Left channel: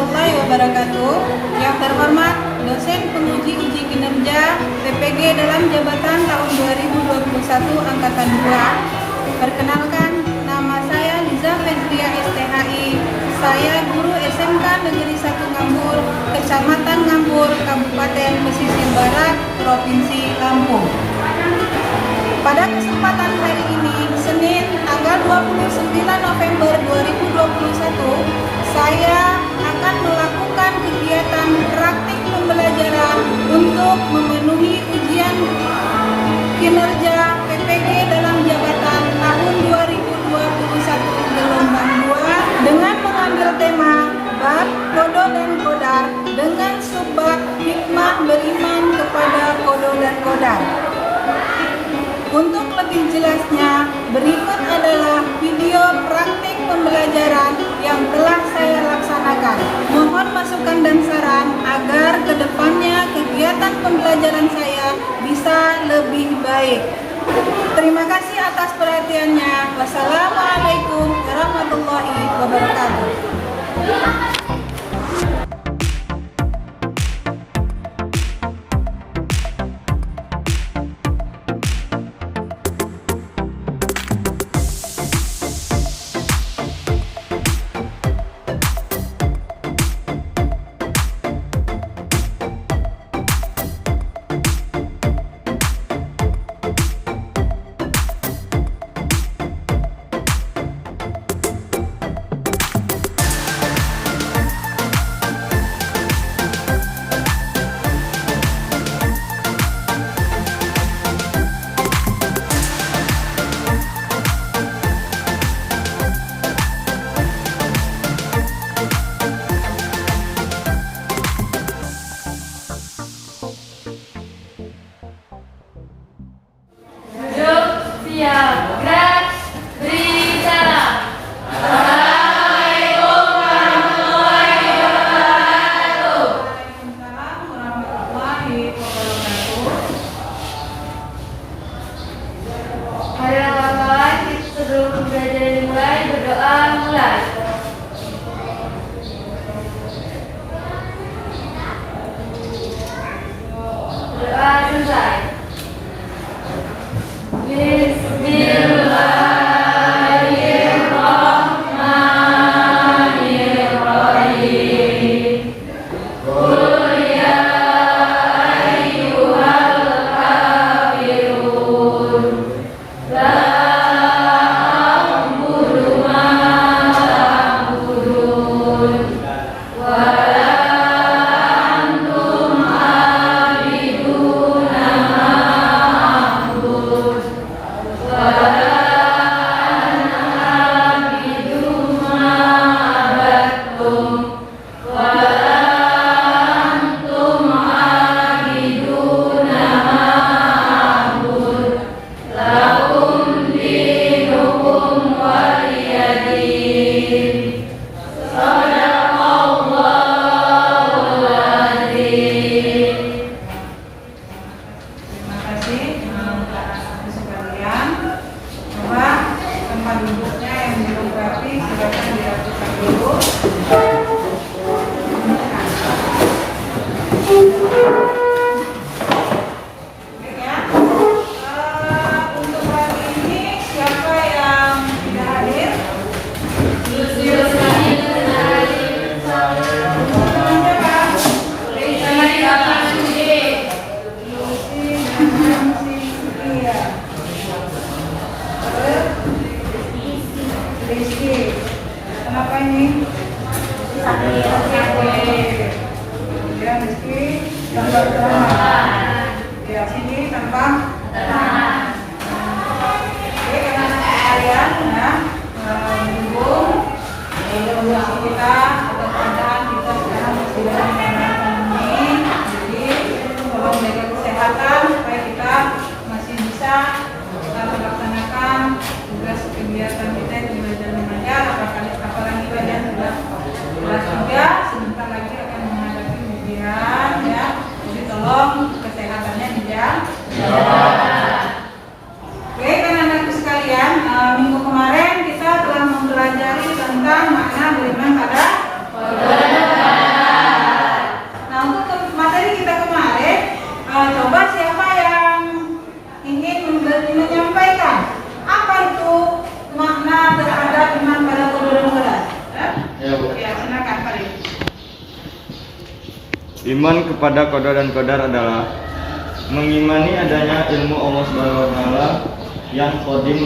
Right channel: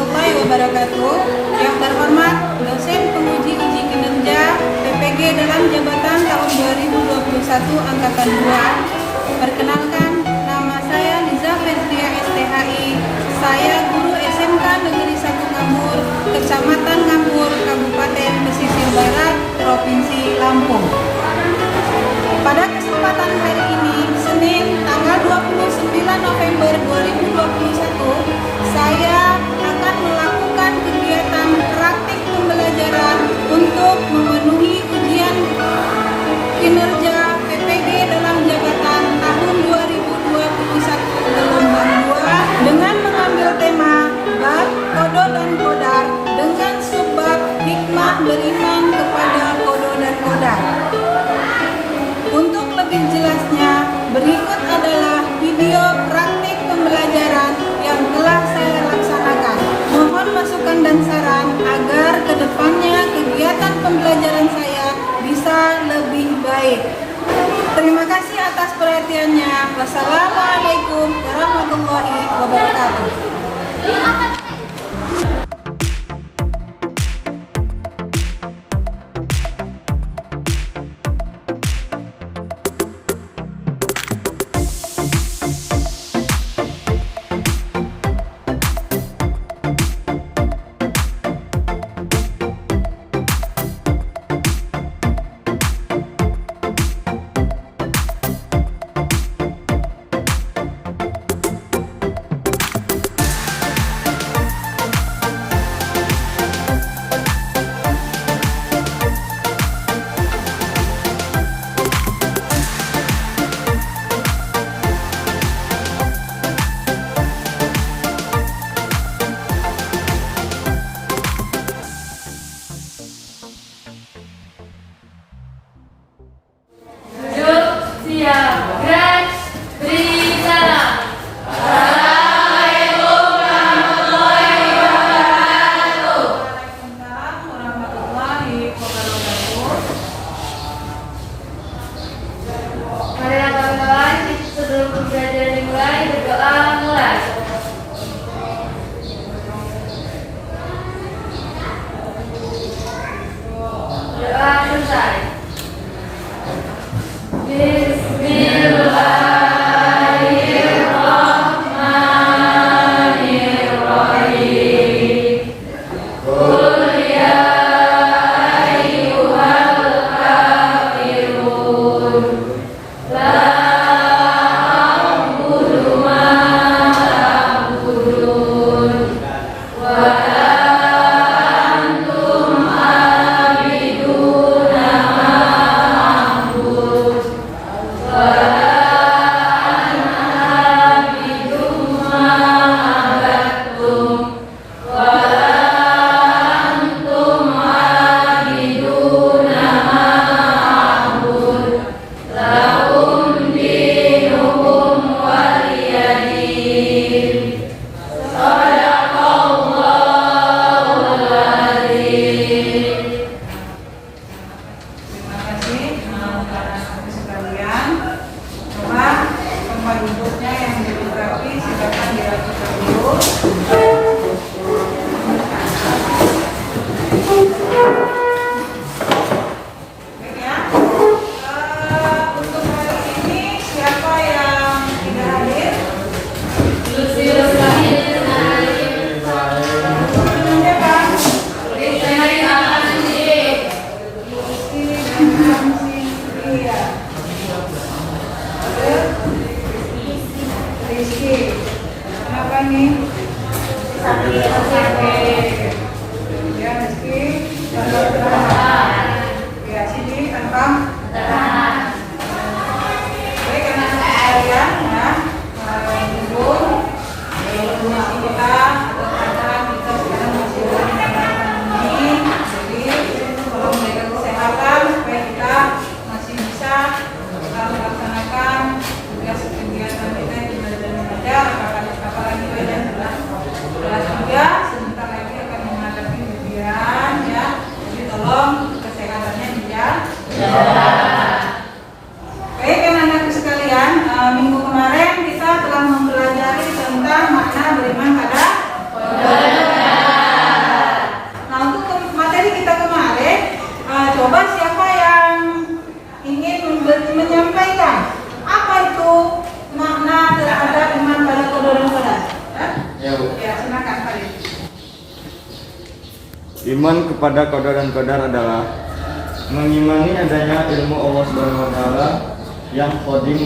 warahmatullahi wabarakatuh. Yang terhormat dosen penguji uji kinerja PPG dalam jabatan tahun 2021 angkatan 2. Perkenalkan, nama saya Liza Fezria STHI. Saya guru SMK Negeri 1 Ngambur, Kecamatan Ngambur, Kabupaten Pesisir Barat, Provinsi Lampung. Pada kesempatan hari ini, Senin tanggal 29 November 2021, saya akan melakukan kegiatan praktik pembelajaran untuk memenuhi ujian kinerja PPG dalam jabatan tahun 2021 gelombang 2 dengan mengambil tema bab kodo dan kodar dengan subbab hikmah beriman kepada kodo dan kodar. Untuk lebih jelasnya, berikut adalah video praktik pembelajaran yang telah saya laksanakan. Mohon masukan dan saran agar kedepannya kegiatan pembelajaran saya bisa lebih baik. Terima kasih atas perhatiannya. Wassalamualaikum warahmatullahi wabarakatuh. Kenapa ini? Sakit. Ya, Rizky. Tanpa tangan. Ya, sini tanpa tangan. Oke, karena kalian ya menghubung kondisi kita atau keadaan kita sekarang masih dalam pandemi. Jadi, tolong jaga kesehatan supaya kita masih bisa melaksanakan tugas kegiatan kita yang tidak ada mengajar, apalagi kalian sudah kelas 3, sebentar lagi akan menghadapi ujian ya. Jadi tolong kesehatannya dijaga. Baik anak-anak sekalian, minggu kemarin Iman kepada qada dan qadar adalah mengimani adanya ilmu Allah Subhanahu wa taala yang qadim,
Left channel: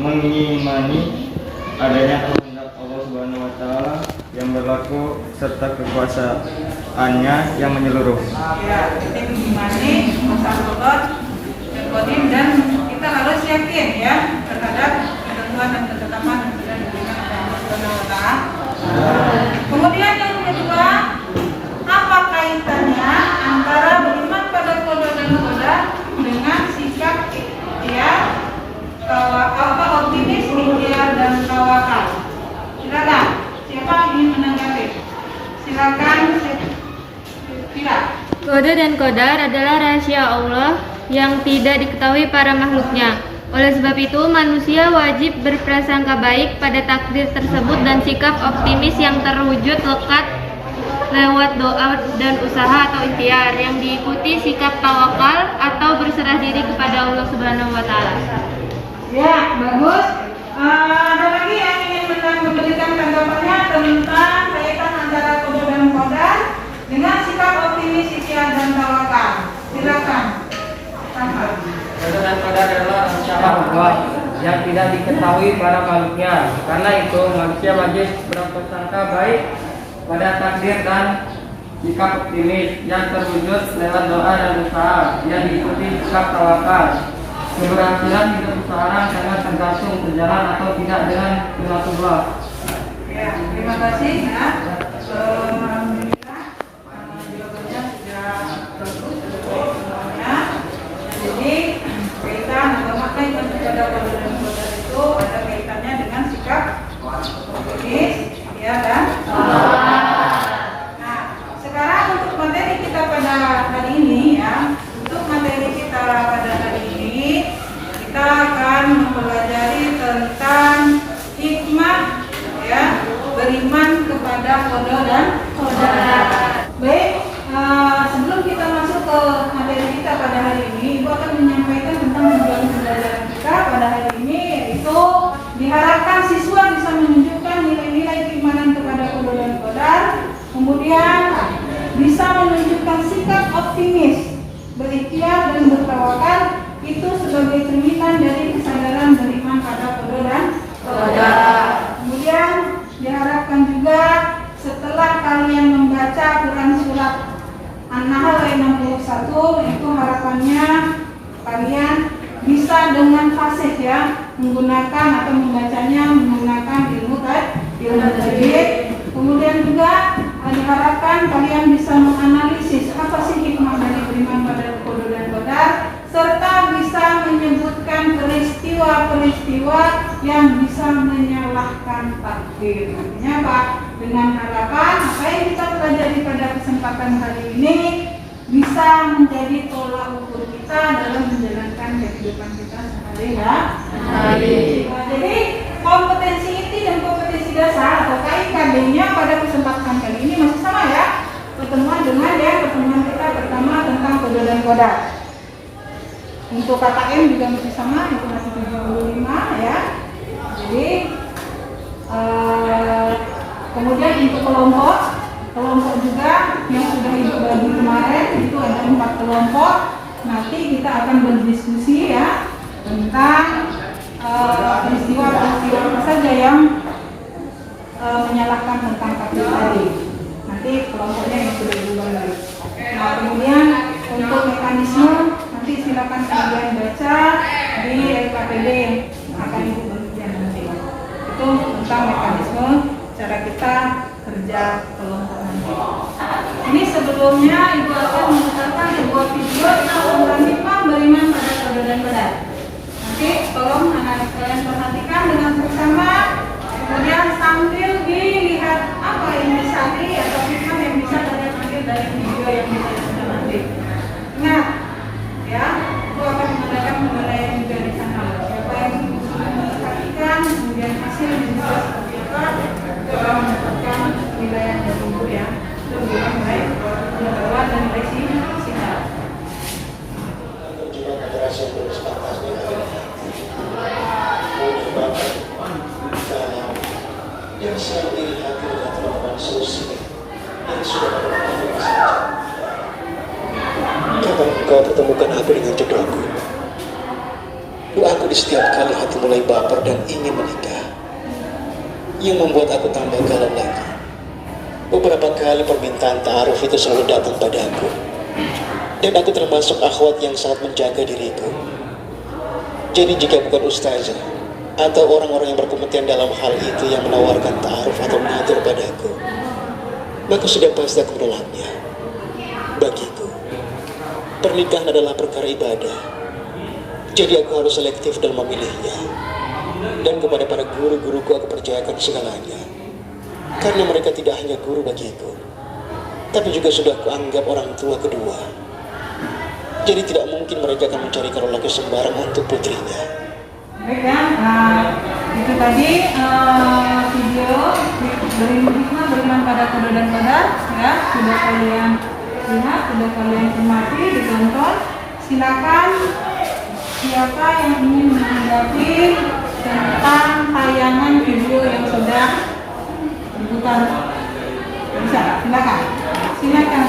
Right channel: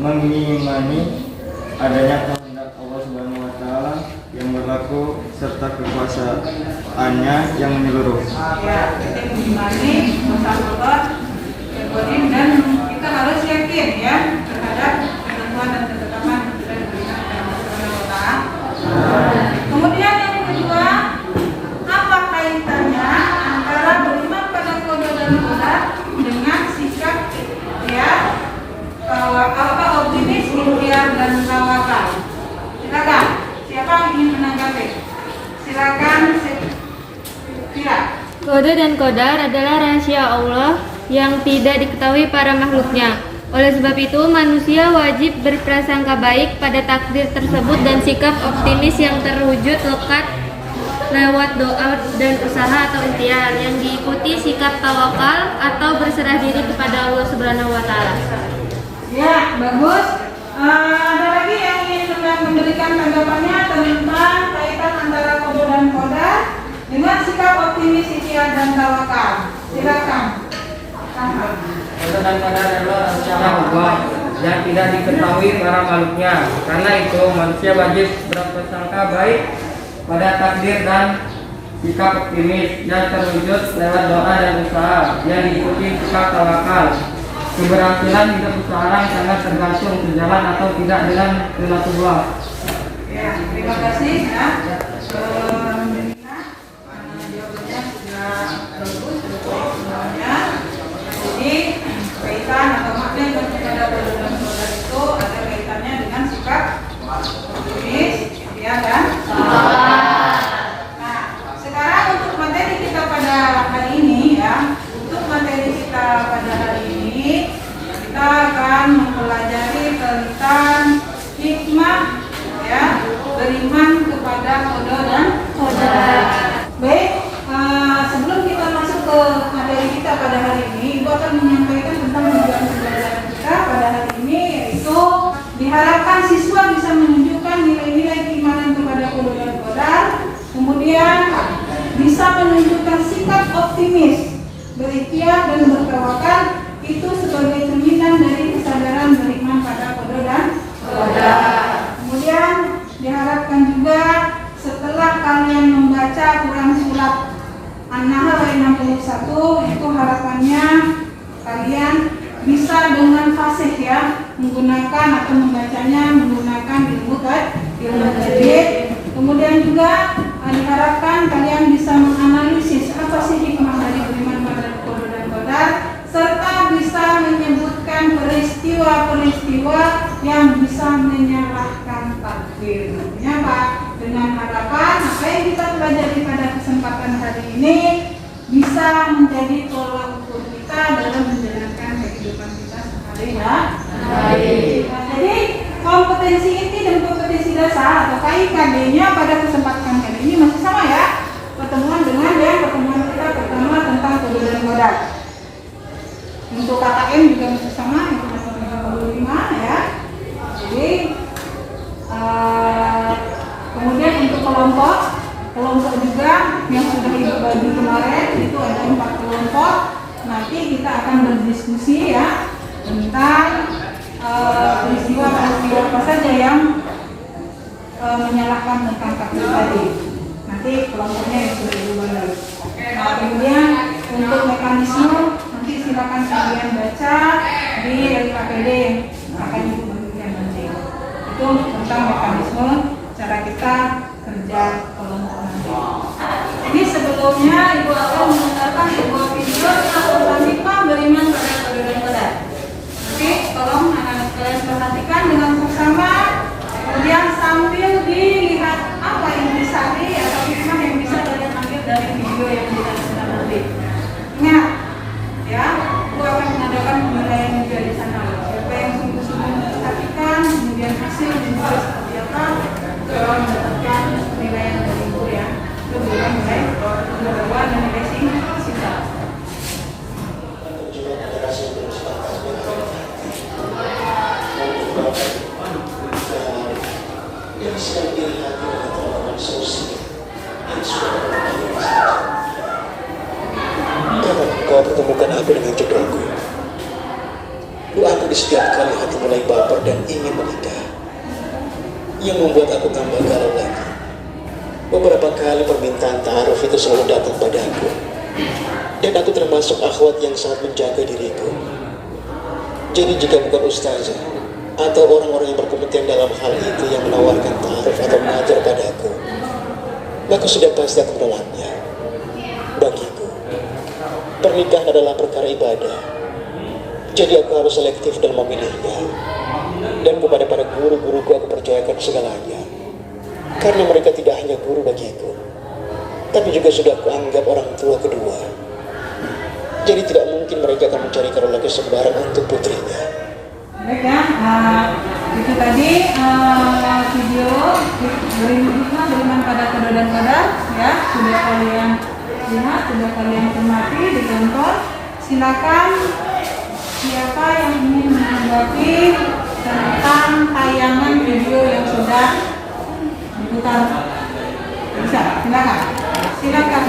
mengimani adanya kehendak Allah Subhanahu wa taala yang berlaku serta kekuasaannya yang menyeluruh. Ya, kita mengimani masalah Allah yang qadim dan kita harus yakin ya terhadap ketentuan dan ketetapan yang sudah diberikan oleh Allah Subhanahu wa taala. Kemudian yang kedua, apa kaitannya antara beriman pada qada dan qadar dengan sikap ikhtiar, optimis, ikhtiar dan tawakal? Silakan, siapa yang ingin menanggapi? Silakan, Fira. Qada dan qadar adalah rahasia Allah yang tidak diketahui para makhluknya. Oleh sebab itu, manusia wajib berprasangka baik pada takdir tersebut dan sikap optimis yang terwujud lekat lewat doa dan usaha atau ikhtiar yang diikuti sikap tawakal atau berserah diri kepada Allah Subhanahu wa taala. Ya, bagus. Ada lagi yang ingin memberikan tanggapannya tentang kaitan antara qada dan qadar dengan sikap optimis, ikhtiar dan tawakal. Silakan. Qada dan qadar adalah rencana Allah yang tidak diketahui para makhluknya. Karena itu manusia wajib berprasangka baik pada takdir dan sikap optimis yang terwujud lewat doa dan usaha yang diikuti sikap tawakal. Keberhasilan hidup seseorang sangat tergantung berjalan atau tidak dengan sunatullah. Ya, terima kasih ya. Jawabannya sudah bagus, sudah semuanya. Jadi kaitan atau makna yang kepada qada dan qadar itu ada kaitannya dengan sikap optimis, ya kan? Nah, sekarang untuk materi kita pada hari ini ya, untuk materi kita pada hari ini kita akan mempelajari tentang hikmah ya beriman kepada qada dan qadar. Baik, sebelum kita masuk ke materi kita pada hari ini, Ibu akan menyampaikan tentang tujuan pembelajaran kita pada hari ini, yaitu diharapkan siswa bisa menunjukkan nilai-nilai keimanan kepada qada dan qadar, kemudian bisa menunjukkan sikap optimis, berikhtiar dan bertawakal itu sebagai cerminan dari kesadaran beriman pada qada dan qadar. Kemudian diharapkan juga setelah kalian membaca Quran surat An-Nahl ayat 61, itu harapannya kalian bisa dengan fasih ya menggunakan atau membacanya menggunakan ilmu tajwid. Kemudian juga diharapkan kalian bisa menganalisis apa sih hikmah dari beriman pada qada dan qadar, serta bisa menyebutkan peristiwa-peristiwa yang bisa menyalahkan takdir. Artinya apa? Dengan harapan apa yang kita pelajari pada kesempatan hari ini bisa menjadi tolak ukur kita dalam menjalankan kehidupan kita sehari ya. Jadi kompetensi inti dan kompetensi dasar atau KIKD-nya pada kesempatan kali ini masih sama ya. Pertemuan kita pertama tentang qada dan qadar. Untuk kata M juga masih sama, itu masih 75 ya. Jadi kemudian untuk kelompok juga yang sudah Ibu bagi kemarin itu ada 4 kelompok. Nanti kita akan berdiskusi ya tentang peristiwa apa saja yang menyalahkan tentang takdir tadi. Nanti kelompoknya yang sudah Ibu bagi. Nah, kemudian untuk mekanisme nanti silakan kalian baca di LKPD yang akan Ibu bagikan nanti. Itu tentang mekanisme cara kita kerja kelompok nanti. Ini sebelumnya Ibu akan memutarkan sebuah video tentang hikmah beriman pada qada dan qadar. Oke, tolong anak-anak kalian perhatikan dengan bersama. Kemudian sambil dilihat apa yang bisa atau hikmah yang bisa kalian ambil dari video yang kita tonton nanti. Ingat, ya, Ibu akan mengadakan penilaian juga di sana. Siapa yang sudah memperhatikan, kemudian hasil juga seperti apa, tolong mendapatkan penilaian dari Ibu ya. Itu menilai kedua dan nilai singkat. Yang siap diri hati dan teman-teman sosial yang sudah berada di Kapan engkau pertemukan aku dengan jodohku? Doaku di setiap kali hati mulai baper dan ingin menikah, yang membuat aku tambah galau lagi. Beberapa kali permintaan ta'aruf itu selalu datang padaku, dan aku termasuk akhwat yang sangat menjaga diriku. Jadi jika bukan ustazah atau orang-orang yang berkompeten dalam hal itu yang menawarkan ta'aruf atau mengatur padaku, maka sudah pasti aku menolaknya. Bagiku, pernikahan adalah perkara ibadah, jadi aku harus selektif dan memilihnya. Dan kepada para guru-guruku aku percayakan segalanya, karena mereka tidak hanya guru bagiku, tapi juga sudah kuanggap orang tua kedua. Jadi tidak mungkin mereka akan mencari calon laki sembarang untuk putrinya. Baik ya, itu tadi video beriman hikmah beriman pada kedua dan kadar ya, sudah kalian lihat, sudah kalian cermati, ditonton. Silakan siapa yang ingin menanggapi tentang tayangan video yang sudah diputar. Bisa, silakan.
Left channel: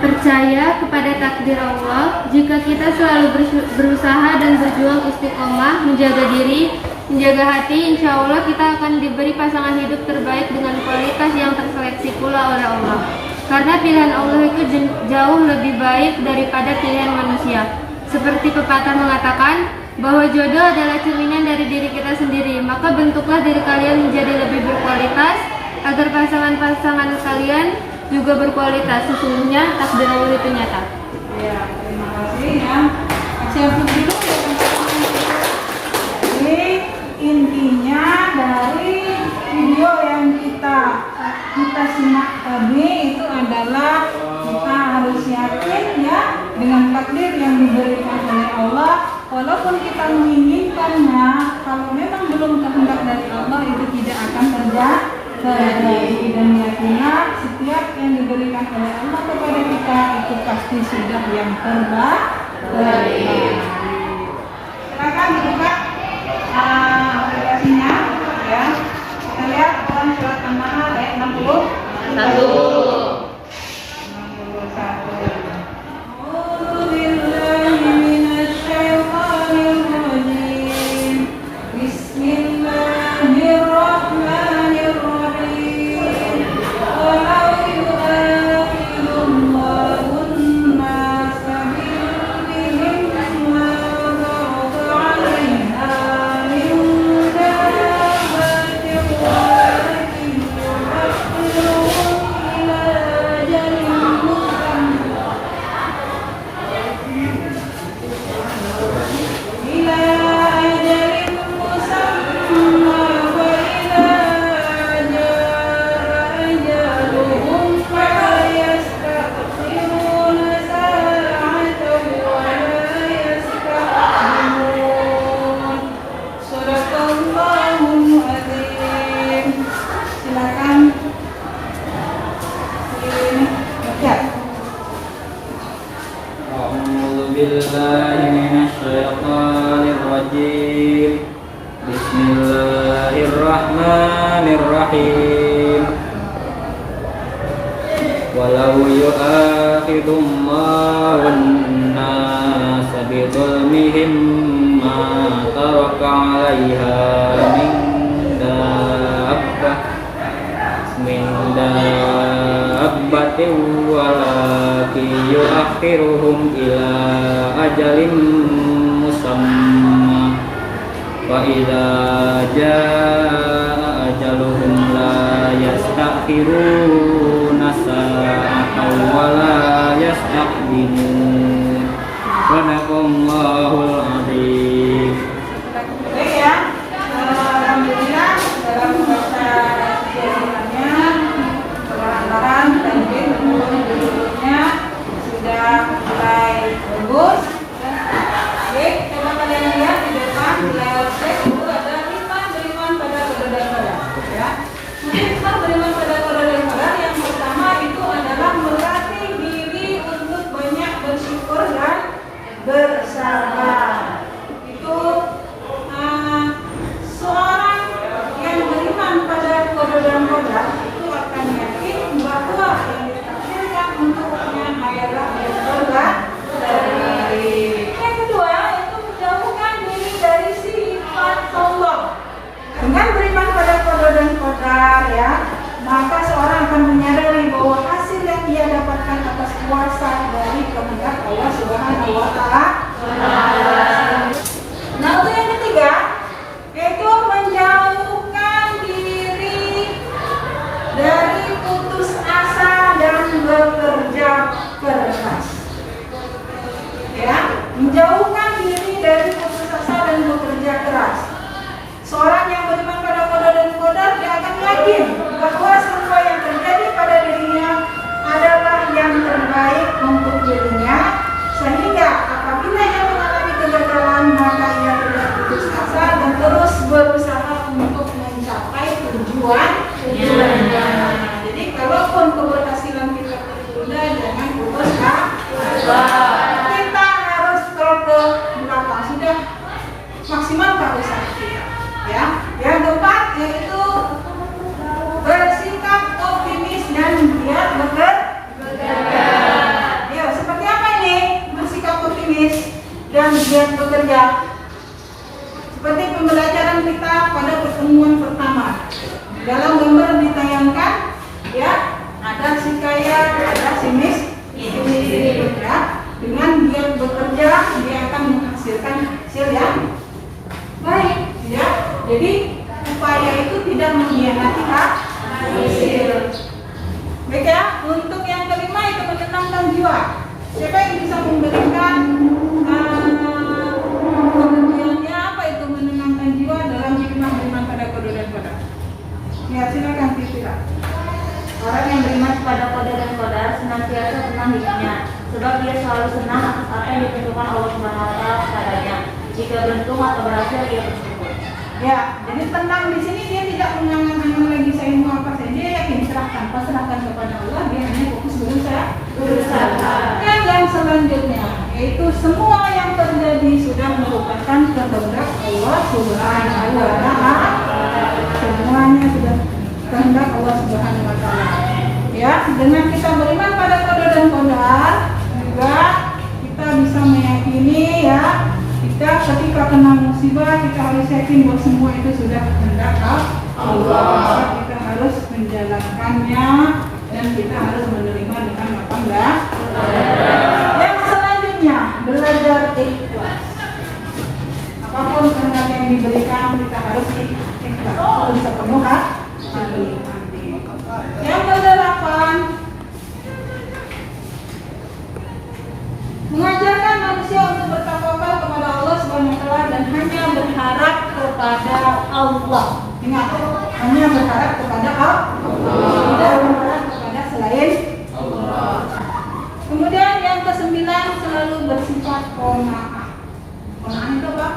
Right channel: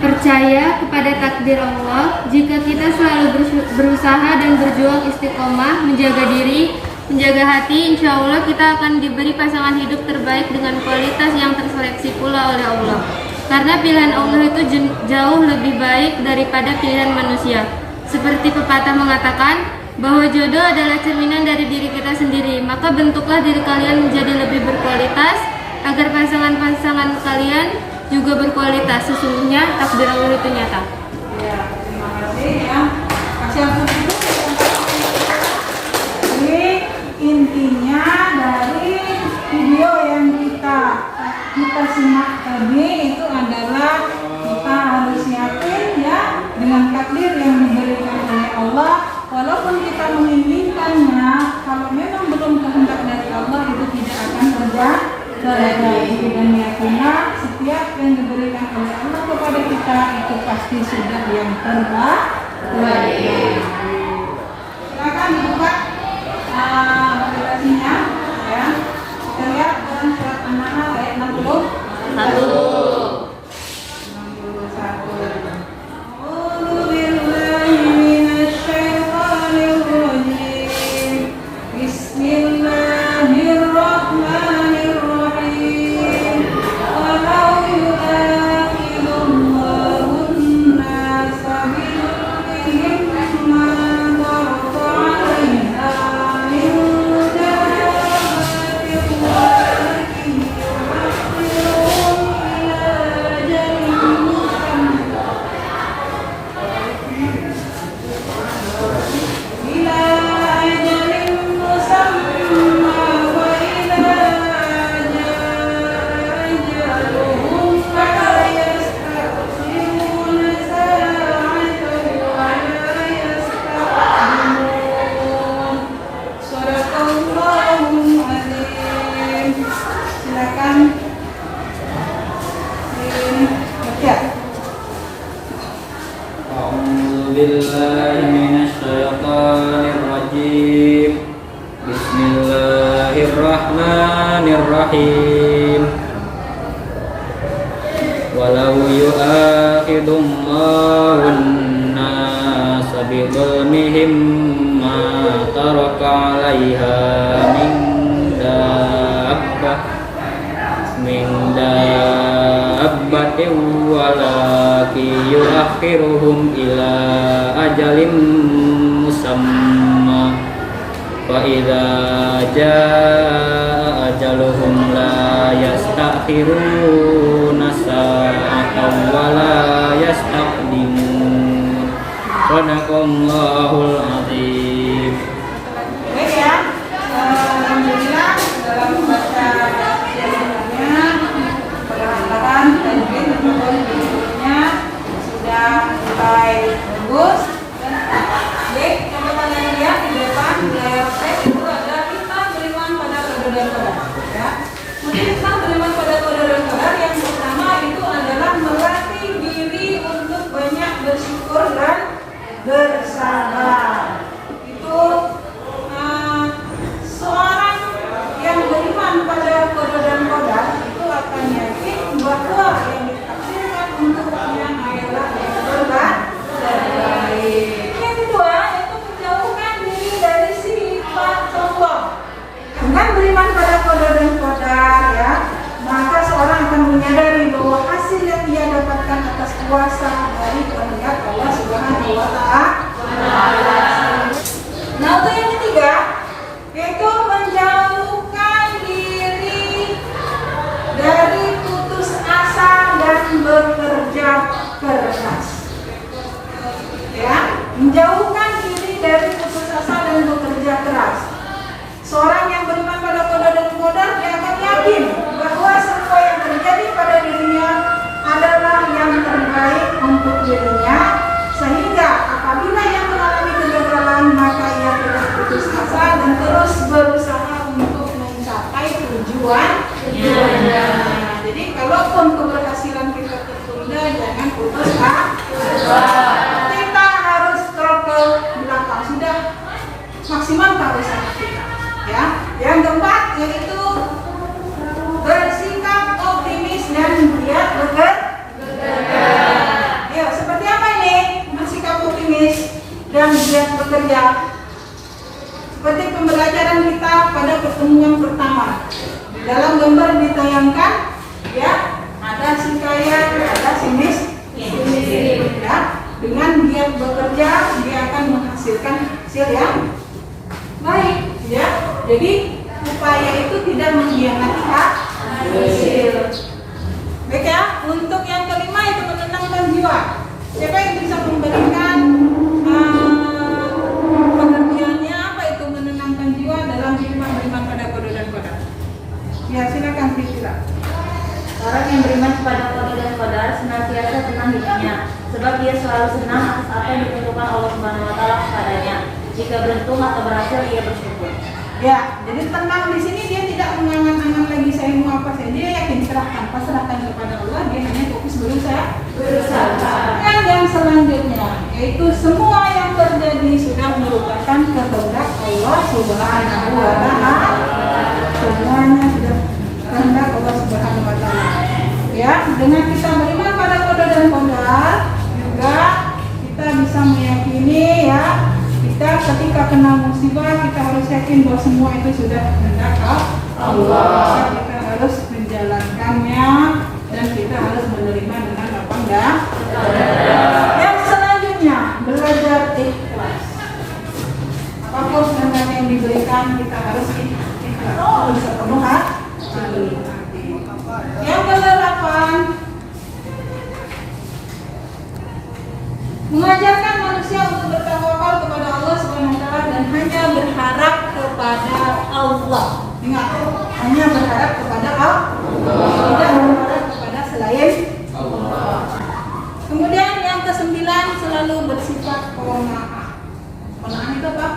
Percaya kepada takdir Allah. Jika kita selalu berusaha dan berjuang istiqomah, menjaga diri, menjaga hati, insya Allah kita akan diberi pasangan hidup terbaik dengan kualitas yang terseleksi pula oleh Allah. Karena pilihan Allah itu jauh lebih baik daripada pilihan manusia. Seperti pepatah mengatakan bahwa jodoh adalah cerminan dari diri kita sendiri. Maka bentuklah diri kalian menjadi lebih berkualitas agar pasangan-pasangan kalian juga berkualitas. Sesungguhnya takdir Allah itu nyata. Ya, terima kasih ya. Kasih ampun dulu ya. Jadi intinya dari video yang kita simak tadi itu adalah kita harus yakin ya dengan takdir yang diberikan oleh Allah. Walaupun kita menginginkannya, kalau memang belum kehendak dari Allah itu tidak akan terjadi. Dan yakinlah setiap yang diberikan oleh Allah kepada kita itu pasti sudah yang terbaik. Silakan dibuka aplikasinya ya. Kita lihat dalam surat An-Nahl ayat 61. Bismillahirrahmanirrahim. Walau yu'akhidullahu an-nasa bidhulmihim ma taraka 'alaiha min dabbatin walakin yu'akhiruhum ila ajalin musamma fa idza jaa ajaluhum la yastakhiruna sa'atan wa la yastaqdimun. Sadaqallahul azim. Baik ya, alhamdulillah dalam membaca semuanya perlahan-lahan dan berikutnya sudah mulai bagus. Dan baik, coba kalian lihat di depan di layar teks itu ada hikmah beriman pada qadar dan qadar ya. Hikmah beriman pada qadar dan qadar yang pertama itu adalah melatih diri untuk banyak bersyukur dan bersabar. puasa dari kehendak Allah Subhanahu wa Ta'ala. Nah, untuk yang ketiga yaitu menjauhkan diri dari putus asa dan bekerja keras. Ya, menjauhkan diri dari putus asa dan bekerja keras. Seorang yang beriman pada qada dan qadar, dia akan yakin bahwa semua yang terjadi pada dirinya adalah yang terbaik untuk dirinya, sehingga apabila ia mengalami kegagalan maka ia tidak putus asa dan terus berusaha untuk mencapai tujuannya. Jadi kalaupun keberhasilan kita tertunda, jangan putus asa. Kita harus ke belakang, sudah maksimalkan usaha kita. Ya, yang keempat yaitu bersikap optimis dan giat bekerja. Ya, seperti apa ini bersikap optimis dan giat bekerja? Seperti pembelajaran kita pada pertemuan pertama. Di dalam gambar ditayangkan, ya, ada si kaya, ada si miskin. Ya, dengan giat bekerja dia akan menghasilkan hasil yang baik. Ya, jadi upaya itu tidak mengkhianati hasil. Baik ya, untuk yang kelima itu menenangkan jiwa. Siapa yang bisa memberikan pengertiannya apa itu menenangkan jiwa dalam beriman pada qada dan qadar? Ya, silakan Tisila. Orang yang beriman kepada qada dan qadar senantiasa tenang hidupnya, sebab dia selalu senang atas apa yang ditentukan Allah Subhanahu wa Ta'ala kepadanya. Jika beruntung atau berhasil, ia bersyukur. Ya, jadi tenang di sini dia tidak mengangan-angan lagi saya mau apa saja, dia yakin pasrahkan kepada Allah, dia hanya fokus berusaha. Dan yang selanjutnya yaitu semua yang terjadi sudah merupakan kehendak Allah Subhanahu wa Ta'ala. Semuanya sudah kehendak Allah Subhanahu wa Ta'ala. Ya, dengan kita beriman pada qada dan qadar juga kita bisa meyakini ya, kita ketika kena musibah kita harus yakin bahwa semua itu sudah kehendak Allah. Kita harus menjalankannya dan kita harus menerima dengan apa enggak. Yang selanjutnya belajar ikhlas. Apapun kehendak yang diberikan kita harus ikhlas. Harus sepenuh hati. Yang kedelapan, mengajarkan manusia untuk bertawakal kepada Allah Subhanahu wa Ta'ala dan hanya berharap kepada Allah. Ingat, hanya berharap kepada Allah, tidak berharap kepada selain Allah. Kemudian yang kesembilan, selalu bersifat qanaah. Qanaah itu apa?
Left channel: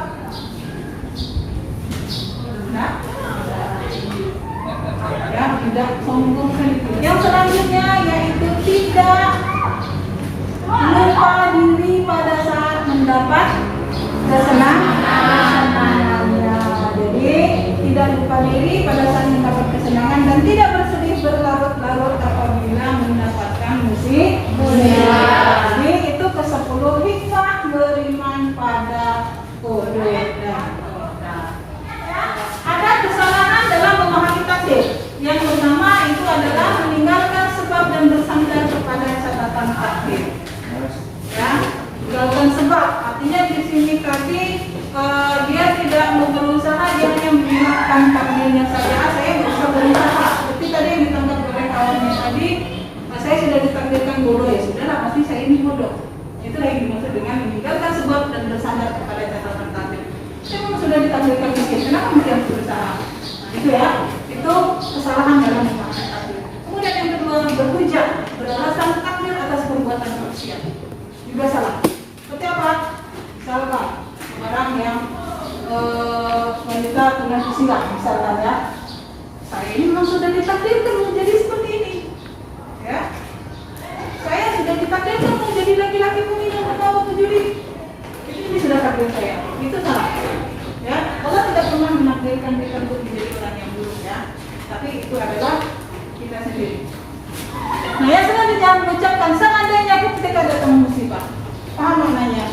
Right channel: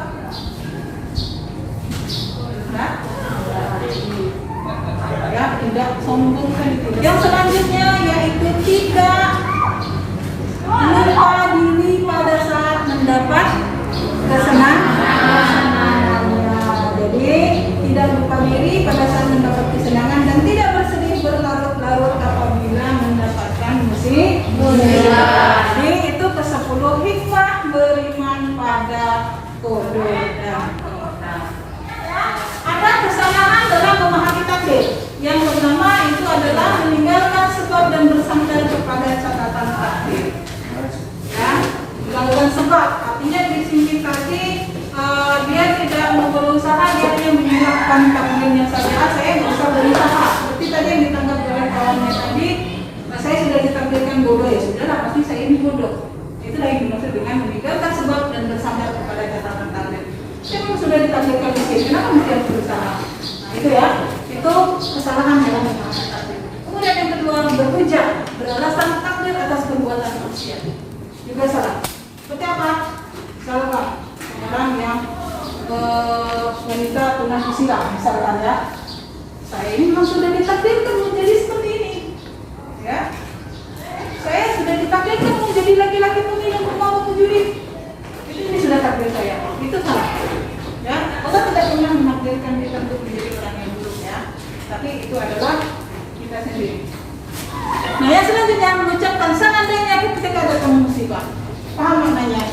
Ya, tidak sombong kan itu. Yang selanjutnya yaitu tidak lupa diri pada saat mendapat kesenangan. Jadi tidak lupa diri pada saat mendapat kesenangan dan tidak bersedih berlarut-larut apabila mendapatkan musibah. Jadi itu ke-10 hikmah beriman pada qada dan qadar. Ada kesalahan dalam memahami takdir. Yang pertama itu adalah meninggalkan sebab dan bersandar kepada catatan takdir. Ya, meninggalkan sebab artinya di sini tadi dia tidak mau berusaha, dia hanya menyiapkan takdirnya saja. Saya nggak usah berusaha. Seperti tadi yang ditangkap oleh kawannya tadi, saya sudah ditakdirkan bodoh, ya sudahlah pasti saya ini bodoh. Itulah yang dimaksud dengan meninggalkan sebab dan bersandar kepada catatan takdir. Saya sudah ditakdirkan miskin, kenapa mesti berusaha? Nah itu ya, itu kesalahan dalam memahami takdir. Kemudian yang kedua, berhujah, beralasan takdir atas perbuatan manusia, juga salah. Seperti apa? Misalkan orang yang wanita tunawisila misalkan ya, saya ini memang sudah ditakdirkan menjadi seperti ini, ya. Saya sudah ditakdirkan menjadi laki-laki peminum pemabuk penjudi. Ini sudah takdir saya. Itu salah. Ya, Allah tidak pernah menakdirkan kita untuk menjadi orang yang buruk ya. Tapi itu adalah kita sendiri. Nah, yang selanjutnya mengucapkan seandainya ketika datang musibah. Paham maknanya?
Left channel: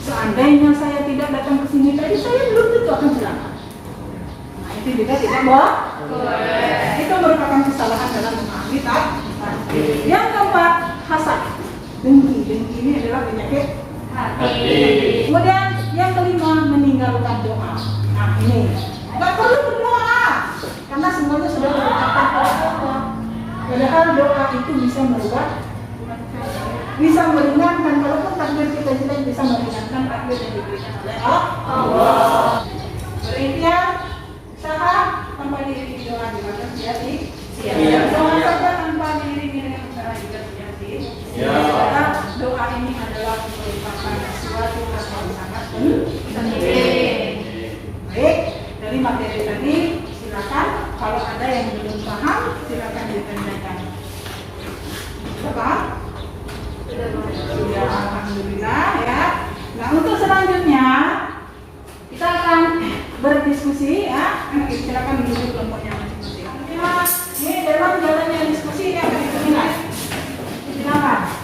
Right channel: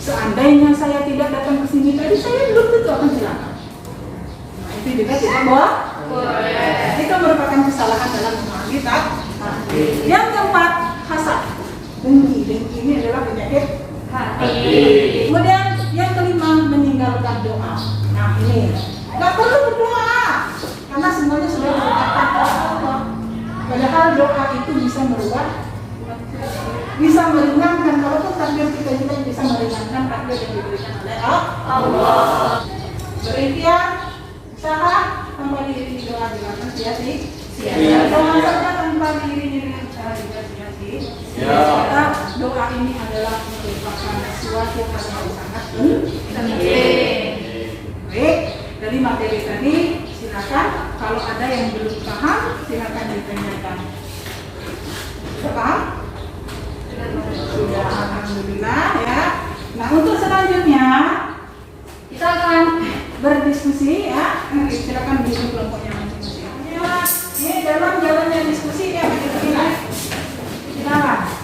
Seandainya saya tidak datang ke sini tadi, saya belum tentu akan celaka. Nah, itu juga tidak boleh. Itu merupakan kesalahan dalam memahami takdir. Yang keempat, hasad. Dengki ini adalah penyakit hati. Kemudian yang kelima, meninggalkan doa. Nah ini nggak perlu berdoa karena semuanya sudah ditetapkan oleh Allah. Padahal doa itu bisa merubah, bisa meringankan. Kalaupun takdir kita bisa meringankan takdir yang diberikan oleh Allah. Berikhtiar, usaha tanpa diri doa dilakukan sia-sia. Doa saja tanpa diri usaha juga sia-sia. Maka doa ini adalah merupakan suatu hal yang sangat penting. Baik, dari materi tadi silakan kalau ada yang belum paham silakan ditanyakan. Sudah paham? Sudah, alhamdulillah ya. Nah untuk selanjutnya kita akan berdiskusi ya. Silakan duduk kelompoknya masing-masing. Ini dalam jalannya diskusi ya akan kita nilai. Silakan.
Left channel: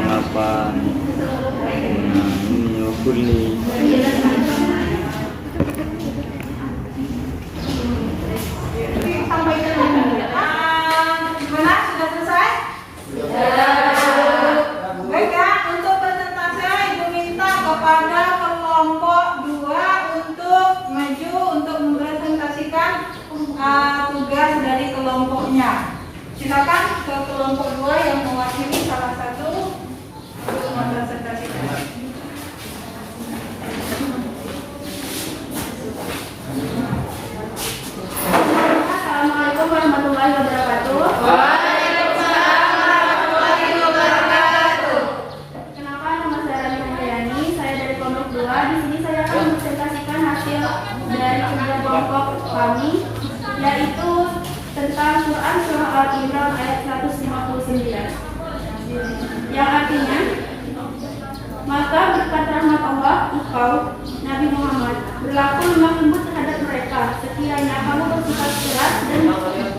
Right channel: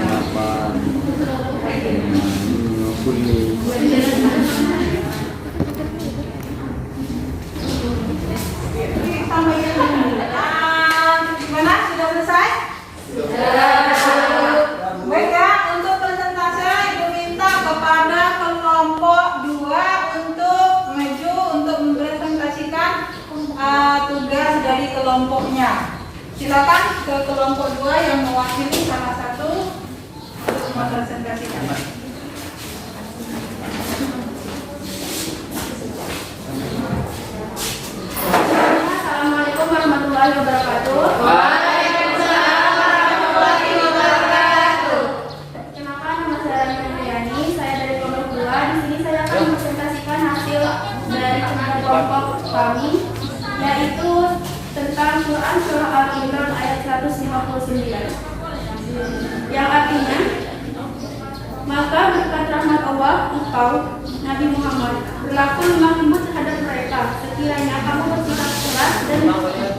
Delapan. Kuning. Sampai ke gimana? Sudah selesai? Baik ya, untuk persentase Ibu minta kepada kelompok 2 untuk maju untuk mempresentasikan tugas dari kelompoknya. Silakan ke kelompok 2 yang mewakili salah satu untuk mempresentasikan. Assalamualaikum warahmatullahi wabarakatuh. Waalaikumsalam warahmatullahi wabarakatuh. Kenalkan, nama saya Rani Mulyani. Saya dari kelompok 2. Di sini saya akan mempresentasikan hasil dari kerja kelompok kami, yaitu tentang Quran Surah Al-Imran ayat 159, yang artinya, maka berkat rahmat Allah engkau Nabi Muhammad berlaku lemah lembut terhadap mereka sekiranya kamu bersifat keras dan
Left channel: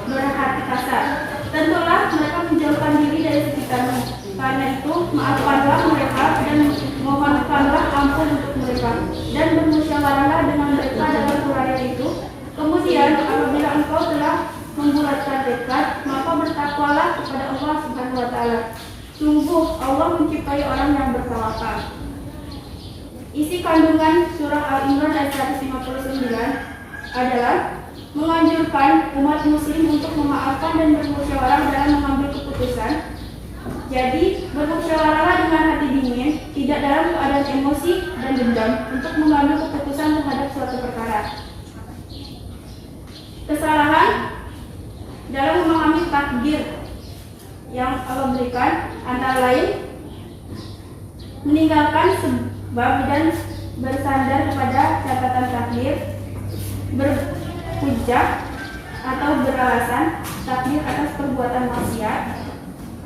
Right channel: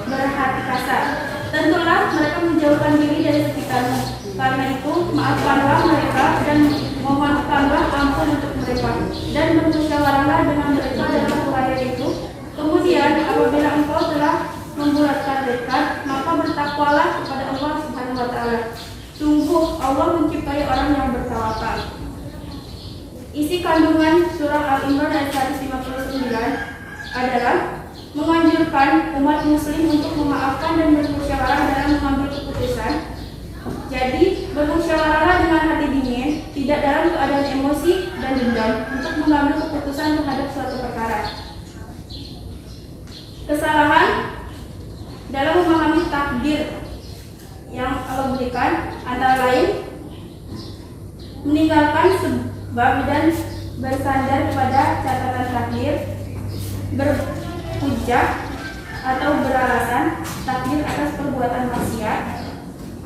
berhati kasar. Tentulah mereka menjauhkan diri dari sekitarmu. Karena itu maafkanlah mereka dan mohonkanlah ampun untuk mereka dan bermusyawarahlah dengan mereka dalam uraian itu. Kemudian apabila engkau telah membulatkan tekad, maka bertakwalah kepada Allah Subhanahu wa taala. Sungguh Allah menciptai orang yang bertawakal. Isi kandungan surah Al-Imran ayat 159 adalah menganjurkan umat muslim untuk memaafkan dan bermusyawarah dalam mengambil keputusan. Jadi, bermusyawarahlah dengan hati dingin, tidak dalam keadaan emosi dan dendam untuk mengambil keputusan terhadap suatu perkara. Kesalahan dalam memahami takdir yang Allah berikan antara lain meninggalkan sebab dan bersandar kepada catatan takdir, berhujjah atau beralasan takdir atas perbuatan maksiat,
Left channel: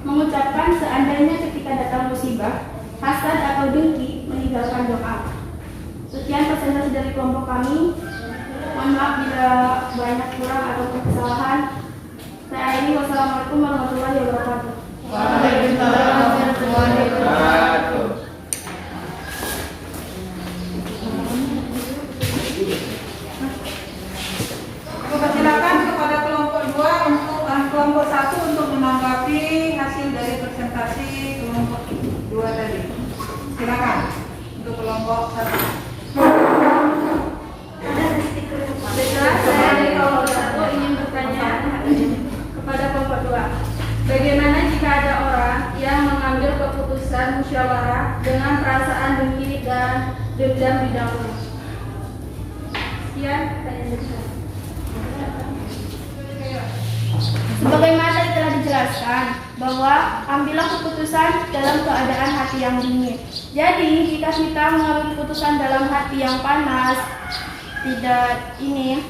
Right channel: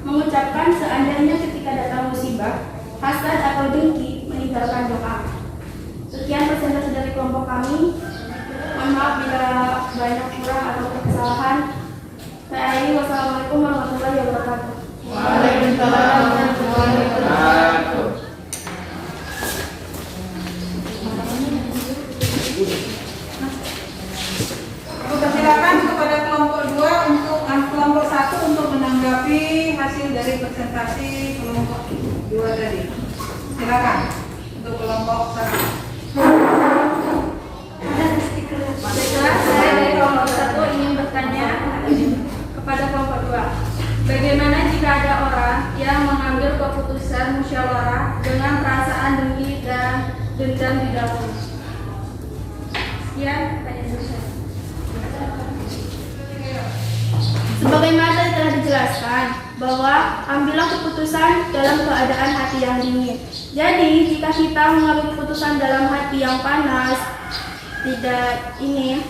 mengucapkan seandainya ketika datang musibah, hasad atau dengki, meninggalkan doa. Sekian presentasi dari kelompok kami. Mohon maaf bila banyak kurang atau kesalahan. Saya akhiri. Wassalamualaikum warahmatullahi wabarakatuh. Waalaikumsalam warahmatullahi wabarakatuh. Silakan kepada kelompok 2 untuk kelompok 1 untuk menanggapi hasil dari presentasi kelompok 2 tadi. Silakan untuk kelompok 1. Saya dari kelompok 1 ingin bertanya kepada kelompok 2. Bagaimana jika ada orang yang mengambil keputusan musyawarah dengan perasaan dengki dan dendam di dalamnya? Sekian pertanyaan dari saya. Sebagaimana telah dijelaskan bahwa ambillah keputusan dalam keadaan hati yang dingin. Jadi jika kita mengambil keputusan dalam hati yang panas, tidak ini,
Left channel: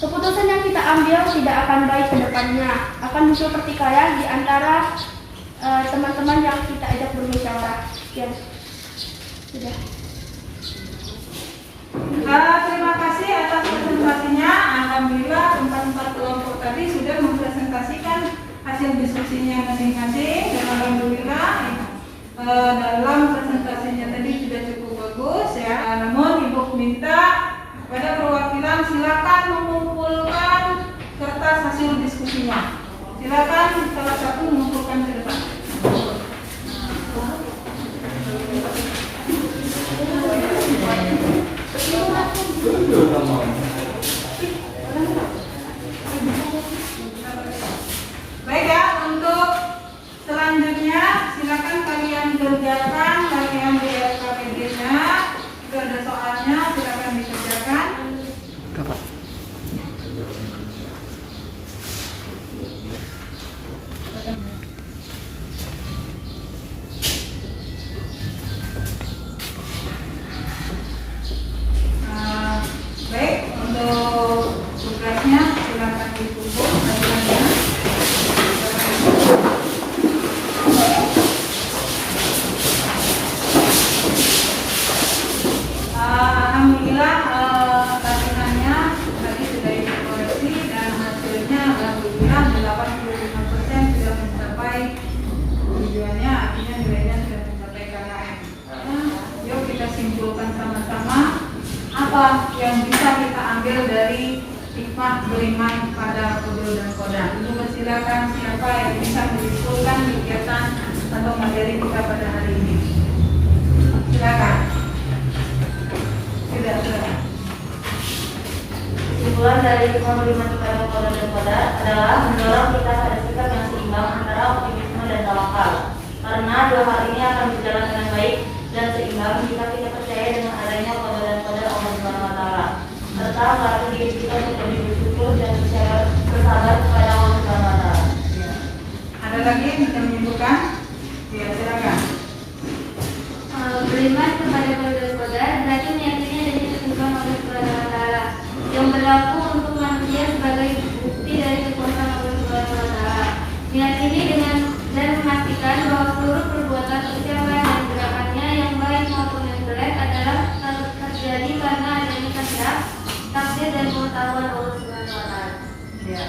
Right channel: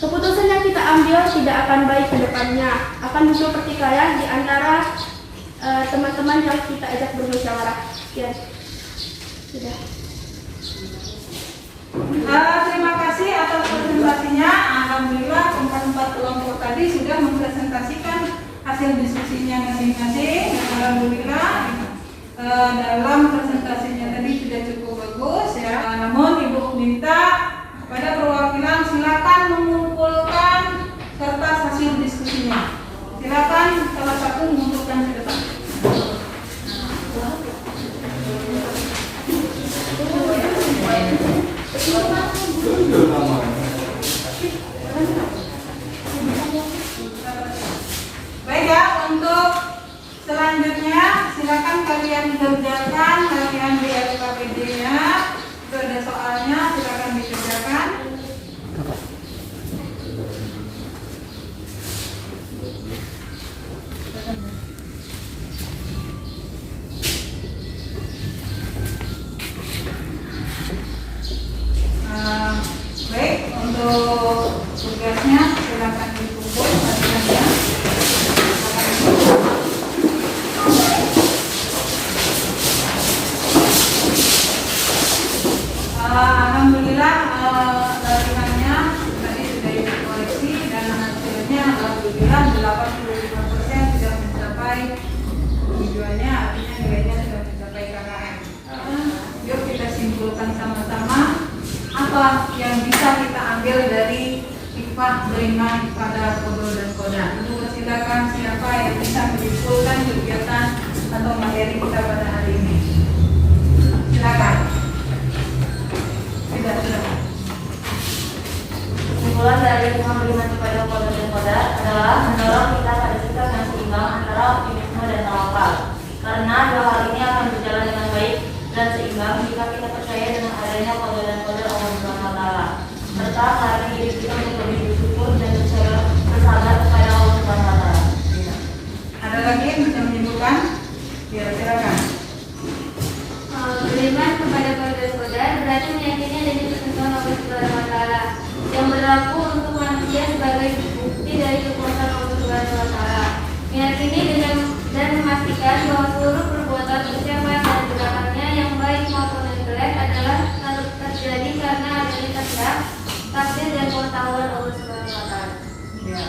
keputusan yang kita ambil tidak akan baik ke depannya, akan muncul pertikaian di antara teman-teman yang kita ajak bermusyawarah. Ya, sudah. Terima presentasikan hasil diskusinya masing-masing dan alhamdulillah dalam presentasinya tadi sudah cukup bagus ya. Namun Ibu minta pada perwakilan silakan mengumpulkan kertas hasil diskusinya. Silakan salah satu mengumpulkan ke depan. Baik ya, untuk selanjutnya silakan kalian kerjakan bagian di LKPD-nya. Itu ada soalnya, silakan dikerjakan. Baik, untuk tugasnya silakan dikumpul bagiannya. Alhamdulillah latihannya tadi sudah dikoreksi dan hasilnya alhamdulillah 85% sudah mencapai tujuannya, artinya nilainya sudah mencapai KKM. Yuk kita simpulkan sama-sama apa yang bisa kita ambil dari hikmah beriman pada kodol dan koda. Itu silakan siapa yang bisa menyimpulkan kegiatan atau materi kita pada hari ini. Silakan. Kesimpulan dari hikmah beriman kepada kodol dan koda adalah mendorong kita pada sikap yang seimbang antara optimisme dan tawakal. Karena dua hal ini akan berjalan dengan baik dan seimbang jika kita percaya dengan adanya kodol dan koda Allah Subhanahu wa Ta'ala, serta melatih diri kita untuk lebih bersyukur dan bersabar kepada Allah Subhanahu wa Ta'ala. Ada lagi yang bisa menyimpulkan? Ya, silakan. Beriman kepada kodol dan koda berarti meyakini adanya ketentuan Allah Subhanahu wa Ta'ala yang berlaku untuk manusia sebagai bukti dari kekuasaan Allah Subhanahu wa Ta'ala. Meyakini dengan dan memastikan bahwa seluruh perbuatan ucapan dan gerakannya yang baik maupun yang jelek adalah terjadi karena adanya kehendak, takdir dan pengetahuan Allah Subhanahu wa Ta'ala. Ya.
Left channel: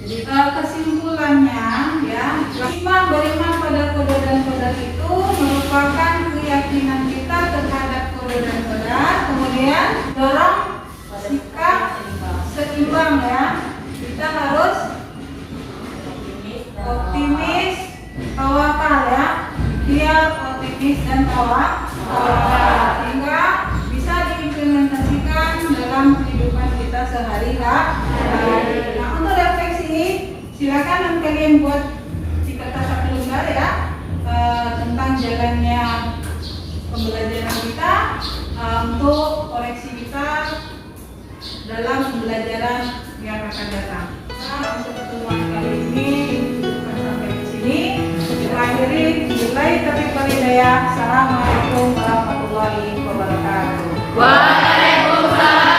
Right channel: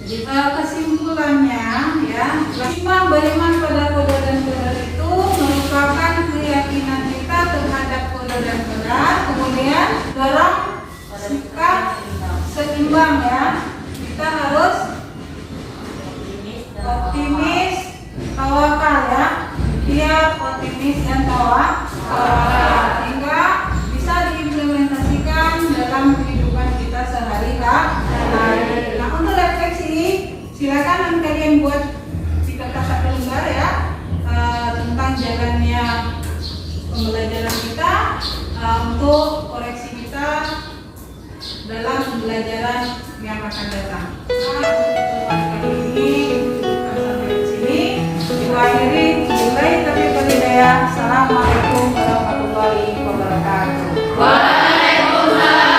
Jadi kesimpulannya ya, iman beriman pada kodol dan kodar itu merupakan keyakinan kita terhadap kodol dan kodar, kemudian dalam sikap seimbang ya. Kita harus optimis, tawakal ya. Dia optimis dan tawakal sehingga bisa diimplementasikan dalam kehidupan kita sehari-hari. Nah, untuk refleksi silakan kalian buat di kertas satu lembar ya tentang jalannya pembelajaran kita untuk koreksi kita dalam pembelajaran yang akan datang. Nah, untuk pertemuan kali ini cukupkan sampai di sini. Kita akhiri mulai tapi Assalamualaikum warahmatullahi wabarakatuh. Waalaikumsalam.